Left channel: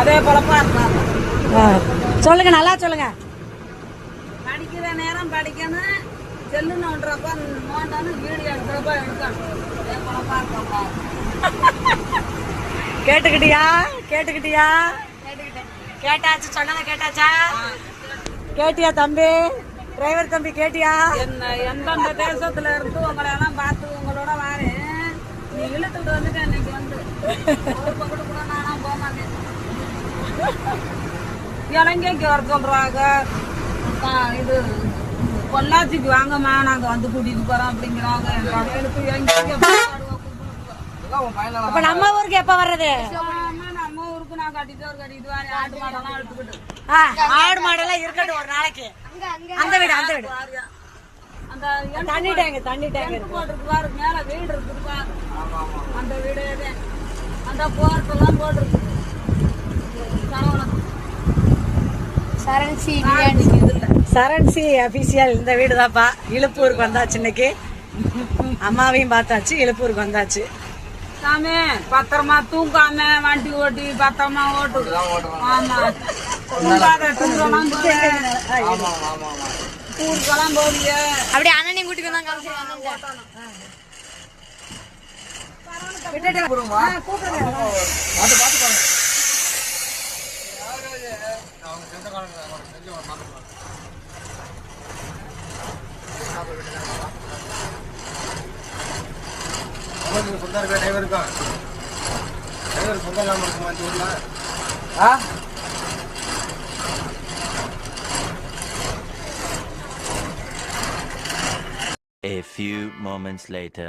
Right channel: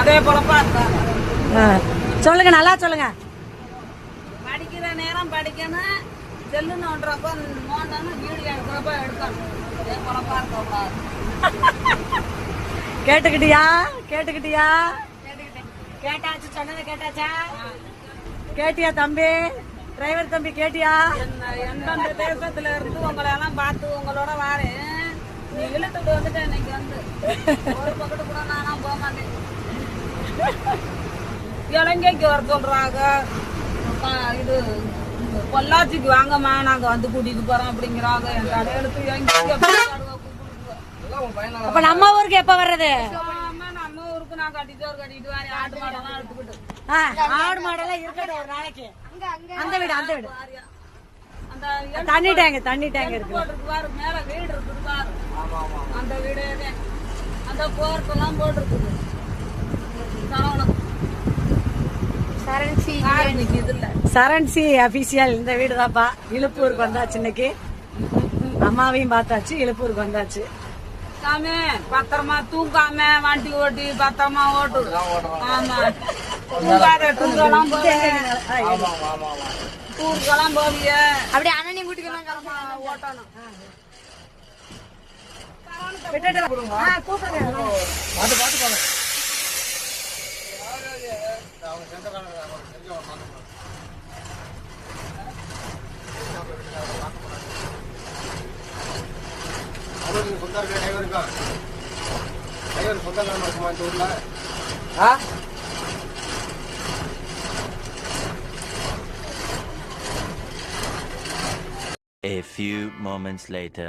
அதே போலப்பா இருக்காங்க. சொல்லுங்க, நல்லா சொல்லுங்க. படிக்கிற நேரம் படிக்கணும், செல்லு நோண்டுறப்ப நோண்டணும், வீடியோ எடுக்கிறப்ப எடுக்கணும். அதே போலப்பா இருக்கக்கூடாது. கேட்டுக்கிட்டியா? கேட்டுக்கிட்டியா? கேட்டாச்சு, சொன்னதை கேட்டாச்சா? கேட்டியா தம்பி? டிரைவர் தம்பி கேட்டியா? எந்தெந்த தேசத்துல இருந்து உங்களை எல்லாம் பார்த்து உங்களோட வாரேன். நீ இழுத்துட்டு வந்துட்டு இன்னைக்கு வந்து ஒரு பக்கத்து கூட நானா போக மாட்டேன். இலங்கைக்கு வர சொல்றாங்க. இது பொள்ளாச்சிக்கு வாங்கம்மா, நாங்க வந்து கூட்டிட்டு போறோம் அப்படிங்கிறாங்க. அப்ப நம்ம ஊருக்கு எப்ப வர்றது? நம்ம ஊருக்கு நான் கட்டிட்டு வரேன். ஆட்டு மாடெல்லாம் எடுத்துக்கிட்டு ஆடு மாடெல்லாம் இருக்கட்டும் ஒரு நாளைக்கு. அந்த வீடு அந்த தண்ணி டேங்க் இருக்கு. போட்டிருக்கு பாரு, மேல வீடு இருக்குது பாரு, அந்த வீடே அந்த போர்ட் எல்லாம் போட்டிருக்குது. சரண்சி அபிஷியல் இந்த வீடு தான்ப்பா. இழுப்பூருக்கு வந்தாச்சு இன்னைக்கு. அம்மாவையும் பார்த்தாச்சு, இழுப்பூருக்கு வந்தாச்சு. சாமி பத்திரமா தூங்காம வண்டி ஓட்டி பத்திரமா ஓட்டு. ஆமா, ஊருக்கெல்லாம் போவிய அப்படியே அண்ணனையும் கூட்டிட்டு வந்தாங்க. A few moments later.